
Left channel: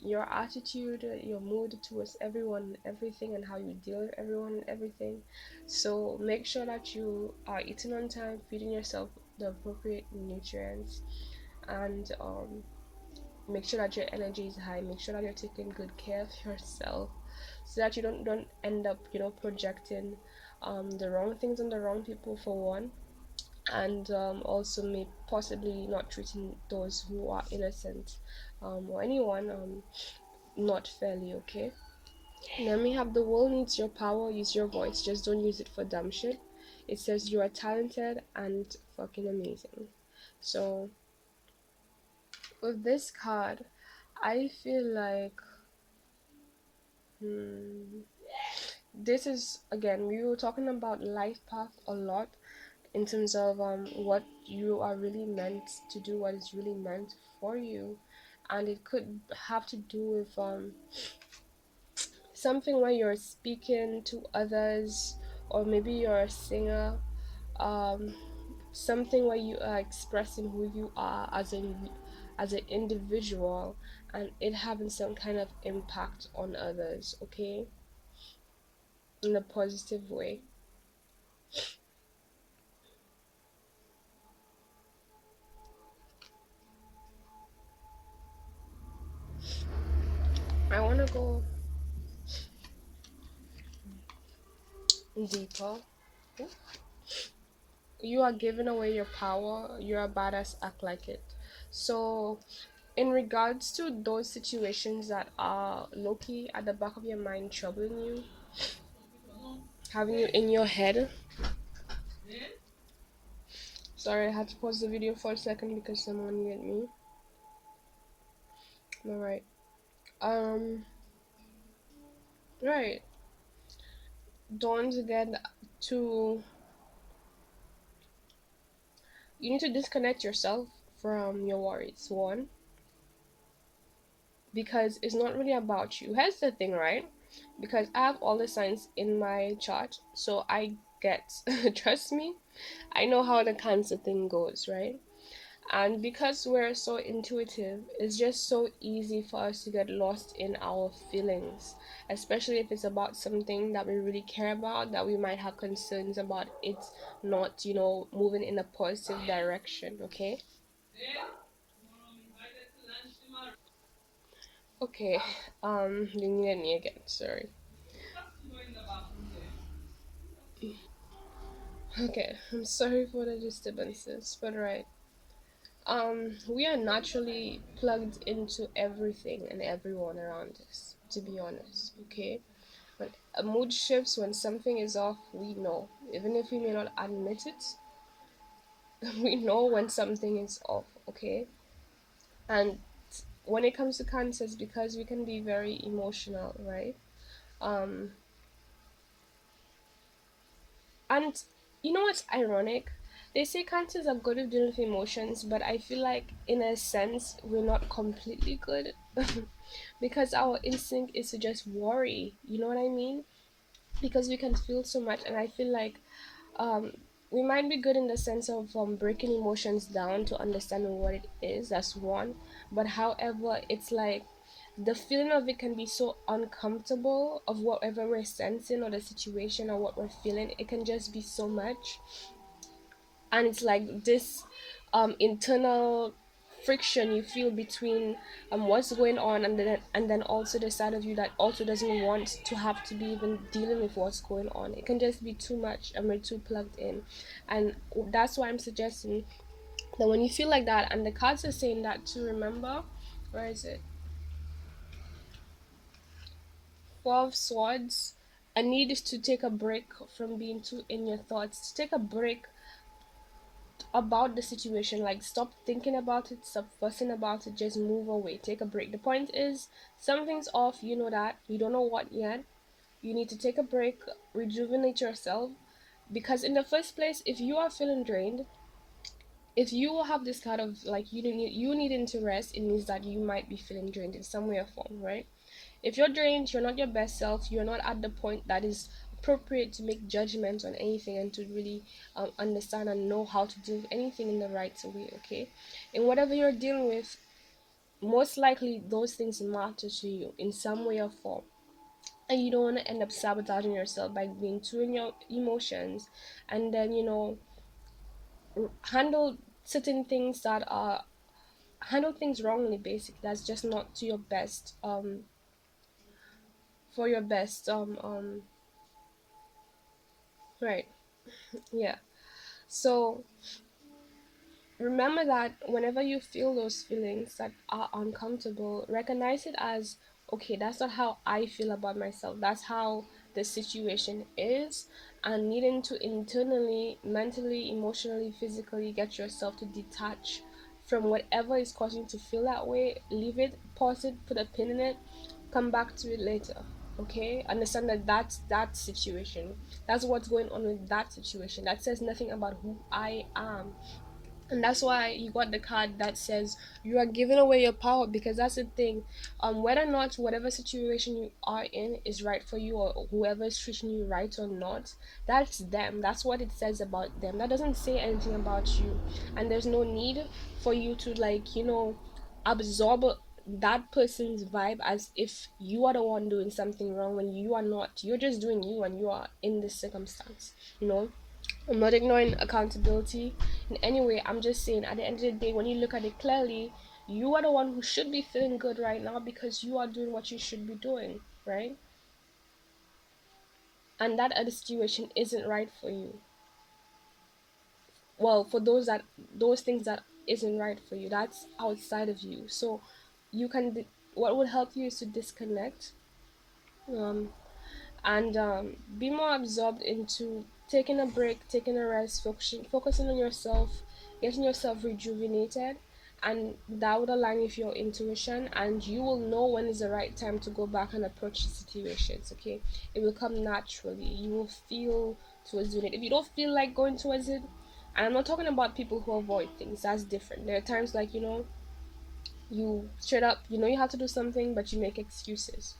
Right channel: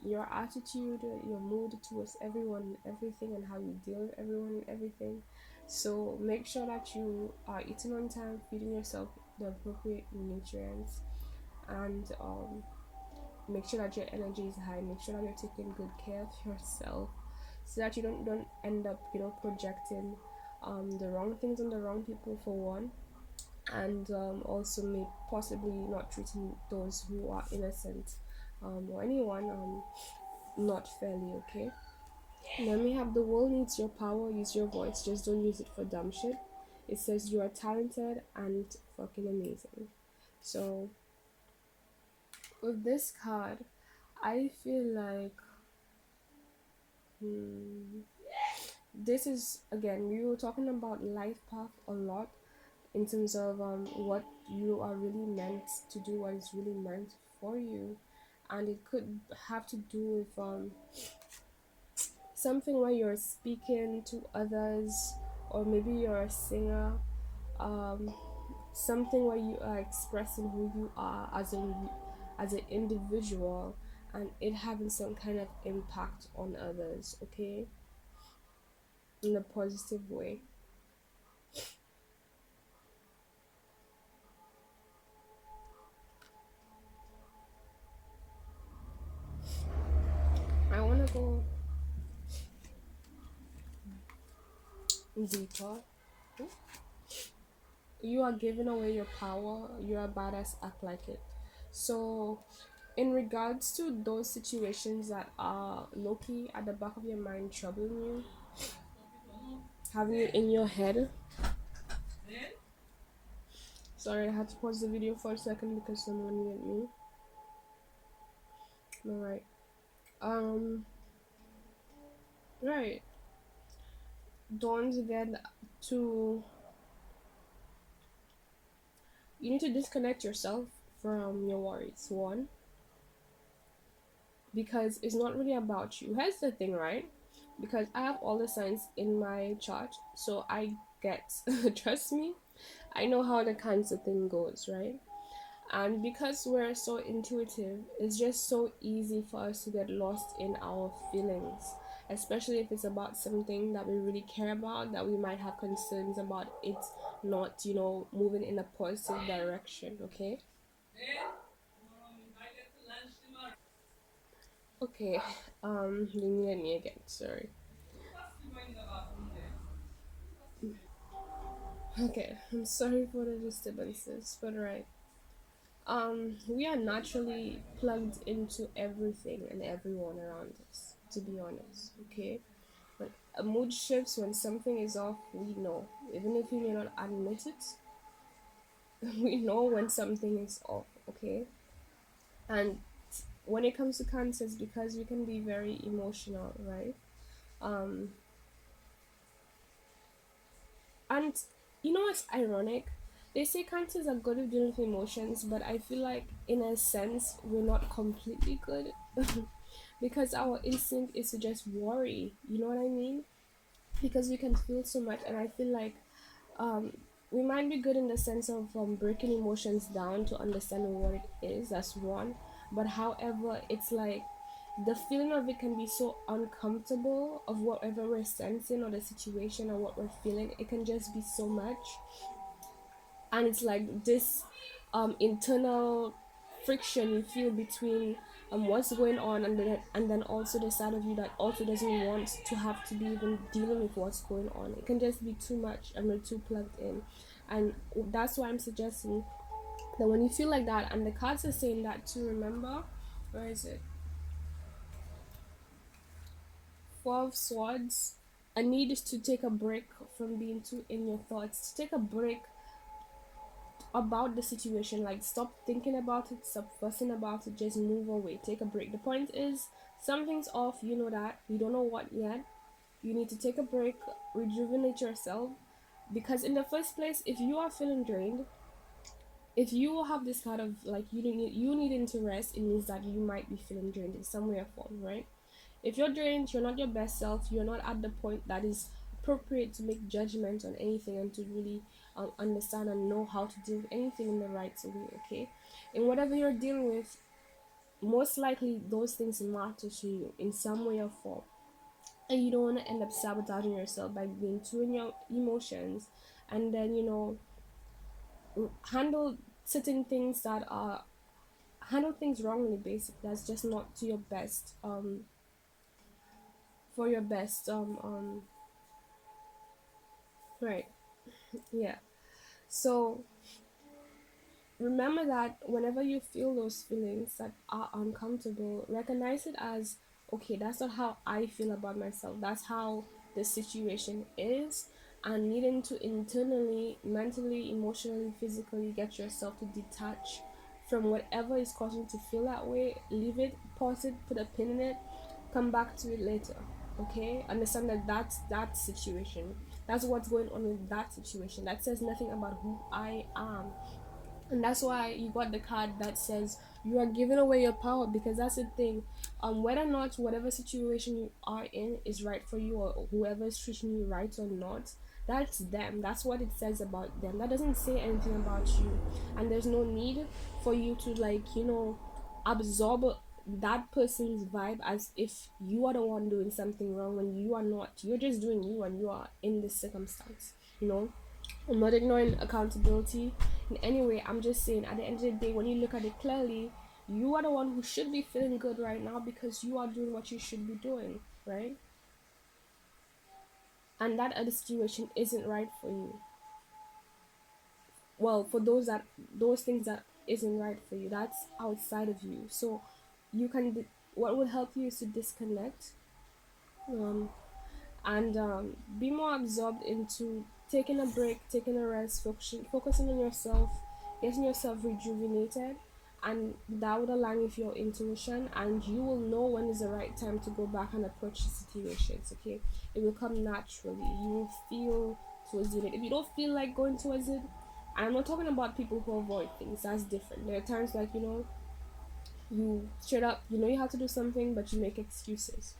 your attitude, your mood towards everyone and everything, and how you deal with everyone and everything. So make sure that you are eating on time, feeding yourself the appropriate nutrients, and make sure that your energy is high. Make sure that you're taking good care of yourself, so that you don't end up projecting the wrong things on the wrong people, for one, and also may possibly not treating those who are innocent, or anyone, not fairly. Okay, then we have the world needs your power. Use your voice, just don't use it for dumb shit. It says you are talented and fucking amazing. So with this card, I feel like, hmm, this is, again, we were talking about life path a lot, in terms of what you are really meant to do, what is really meant for you, and it could have to do with something where you're speaking to others, or maybe you're a singer, um, something where you are expressing who you are as an individual, and it having some kind of impact on others. Okay, in a positive way. I want to go deeper. You are giving away your power. You're a badass, act like it. So in regards to those situations that are low-key at the back of your mind, troubling you, having you in your head. Sorry, I had to pause the video for a second because someone needed me. All right. um right, don't forget to, you need to disconnect yourself from your worries, one, because it's not really about you. Here's the thing, right? Because I have all the signs in my chart, so I get trust me, I know how the cancer thing goes, right? And because we're so intuitive, it's just so easy for us to get lost in our feelings, especially if it's about something that we really care about, that we might have concerns about it not, moving in a positive direction. Okay. Okay. You needed me again, sorry. Okay, I'm sorry for the disturbances, but right. We are naturally plugged into everything and everyone around us, to be honest. Okay, when a mood shifts, when something is off, we know, even if we may not admit it. We know when something is off. Okay, and when it comes to cancers, because we can be very emotional, right? um and you know what's ironic? They say cancers are good at dealing with emotions, but I feel like in a sense we're not completely good. Because our instinct is to just worry, you know what I mean? Because we can feel so much, and I feel like um we might be good in the sense of breaking emotions down to understanding what it is. That's one. But however, it's like the feeling of it can be so uncomfortable of whatever we're sensing or the situation or what we're feeling. It can just be so much, and it's like this internal friction you feel between what's going on, and then also the side of you that also doesn't want to have to be even dealing with what's going on. It can just be too much and we're too plugged in. And that's why I'm suggesting that when you feel like that, and the cards are saying that to remember, where is it? Four of Swords. A need is to take a break from being too in your thoughts, to take a break about the situation. Like, stop thinking about it, stop fussing about it, just move away, take a break. The point is, something's off, you know that, you don't know what yet. You need to take a break, rejuvenate yourself. Because in the first place, if you are feeling drained, if you have this kind of like you needing to rest, it means that you might be feeling drained in some way or form, right? If you're drained, you're not your best self, you're not at the point that is appropriate to make judgments on anything and to really understand and know how to deal with anything in the right way, okay? And whatever you're dealing with, most likely those things matter to you in some way or form. And you don't want to end up sabotaging yourself by being too in your emotions, and then, handle certain things that are handle things wrongly, basically. That's just not to your best, for your best, right. Yeah. So remember that whenever you feel those feelings that are uncomfortable, recognize it as, okay, that's not how I feel about myself, that's how the situation is. And needing to internally, mentally, emotionally, physically get yourself to detach from whatever is causing you to feel that way. Leave it, pause it, put a pin in it, come back to it later. Okay, understand that that's that situation, that's what's going on with that situation. That says nothing about who I am. And that's why you got the card that says you are giving away your power, because that's the thing. Whether or not whatever situation you are in is right for you, or whoever is treating you right or not, that's them. That's what it says about them. That doesn't say anything about you. And there's no need for you to, like, absorb that person's vibe as if you are the one doing something wrong when you are not. You're just doing you and you are in this circumstance, you know. I'm not ignoring accountability in any way. I'm just saying, at the end of the day, when you look at it clearly, you are the one who should be feeling good right now because you are doing what you should be doing, right? And that other situation isn't right for you. Well, for those things that isn't right for you, that's outside of you. So you can. What would help you is to disconnect. Um, and be more absorbed into taking a break, taking a rest, focusing on yourself, getting yourself rejuvenated, and that would align with your intuition, and you will know when is the right time to go back and approach the situations. Okay, it will come naturally. You will feel towards doing it. If you don't feel like going towards it, and I'm not talking about people who avoid things. That's different. There are times like, you straight up, you have to do something, but you make excuses.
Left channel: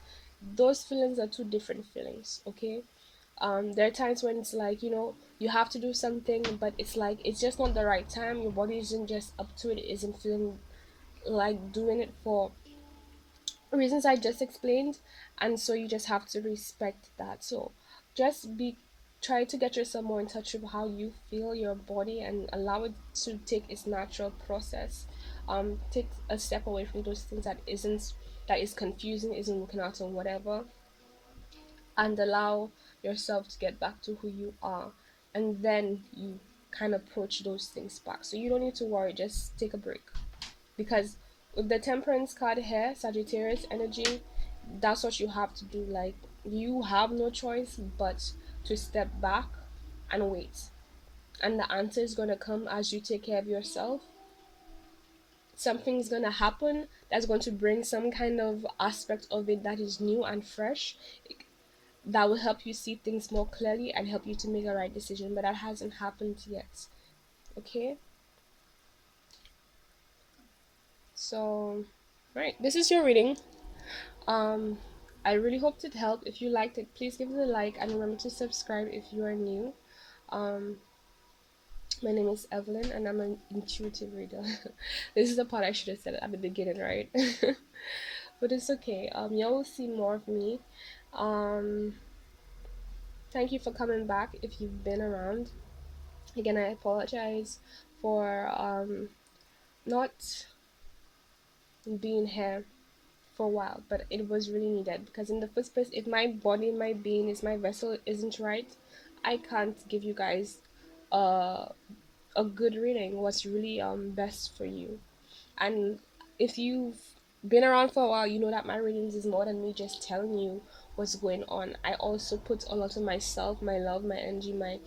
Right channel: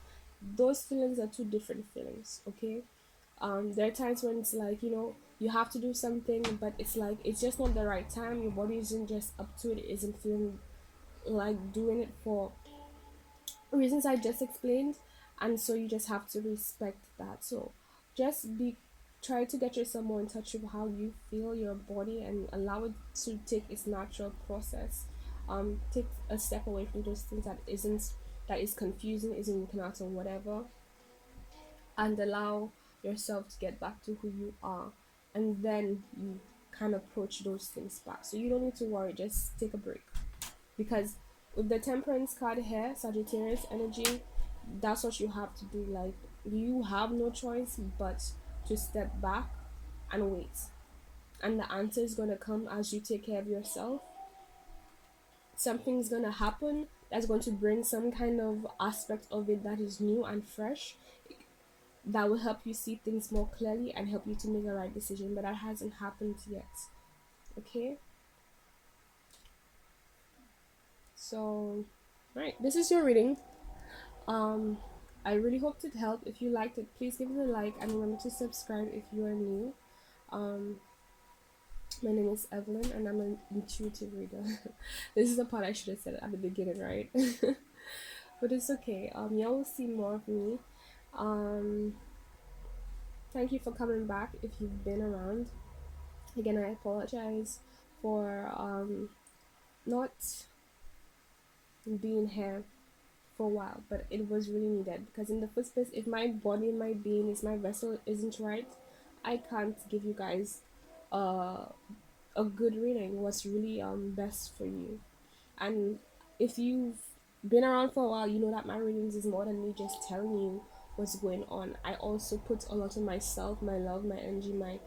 Those feelings are two different feelings, okay? There are times when it's like, you have to do something, but it's like it's just not the right time. Your body isn't just up to it, isn't feeling like doing it for reasons I just explained. And so you just have to respect that. So just be try to get yourself more in touch with how you feel your body and allow it to take its natural process. Take a step away from those things that is confusing, isn't working out, or whatever, and allow yourself to get back to who you are. And then you kind of approach those things back, so you don't need to worry. Just take a break, because with the temperance card here, Sagittarius energy, that's what you have to do. Like, you have no choice but to step back and wait, and the answer is going to come as you take care of yourself. something's gonna happen that's going to bring some kind of aspect of it that is new and fresh, that will help you see things more clearly and help you to make a right decision, but that hasn't happened yet. Okay, so right, this is your reading. um I really hoped it helped. If you liked it, please give it a like and remember to subscribe if you are new. um my name is Evelyn and I'm an intuitive reader. This is the part I should have said at the beginning, right? But it's okay. You will see more of me. um Thank you for coming back if you've been around. Again, I apologize for not being here for a while, but it was really needed because in the first place, if my body, my being, is my vessel isn't right, I can't give you guys uh, a good reading. What's really best for you. And if you've been around for a while, you know that my readings is more than me just telling you what's going on. I also put a lot of myself, my love, my energy, my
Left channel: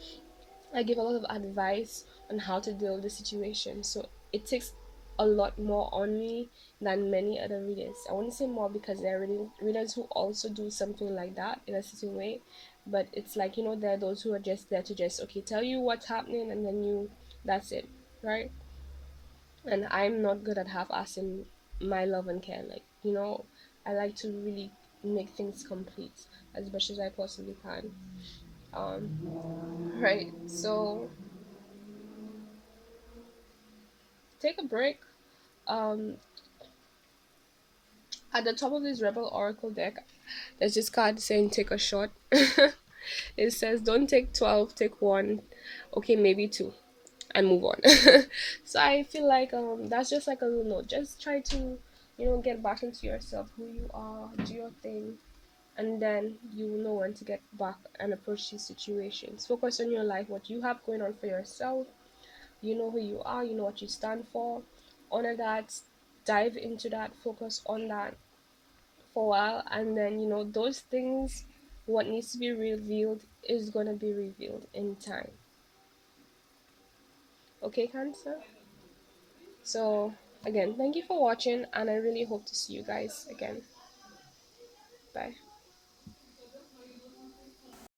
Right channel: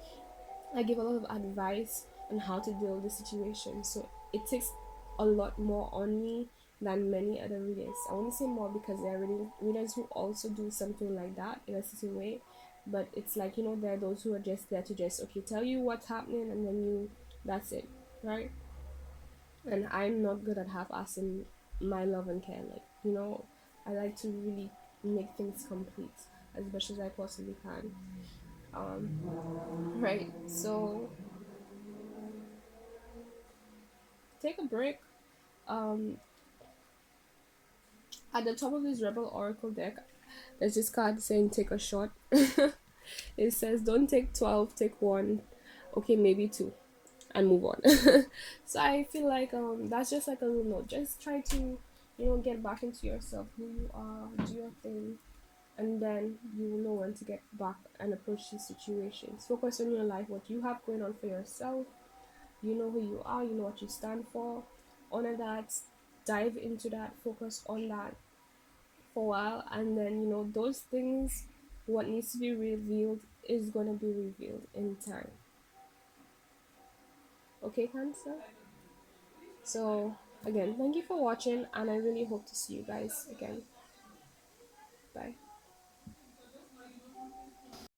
I give a lot of advice on how to deal with the situation. So it takes a lot more on me than many other readers. I want to say more because there are readers who also do something like that in a certain way. But it's like, there are those who are just there to just, okay, tell you what's happening and then that's it, right? And I'm not good at half-assing my love and care. Like, I like to really make things complete as much as I possibly can. Right. So take a break. Um, at the top of this Rebel Oracle deck, there's this card saying take a shot. It says don't take 12, take one, okay, maybe two, and move on. So I feel like that's just like a little note. Just try to, get back into yourself, who you are, do your thing, and then you will know when to get back and approach these situations. Focus on your life, what you have going on for yourself. You know who you are, you know what you stand for. Honor that, dive into that, focus on that for a while, and then those things, what needs to be revealed is going to be revealed in time. Okay, Cancer? So again, thank you for watching and I really hope to see you guys again. Bye.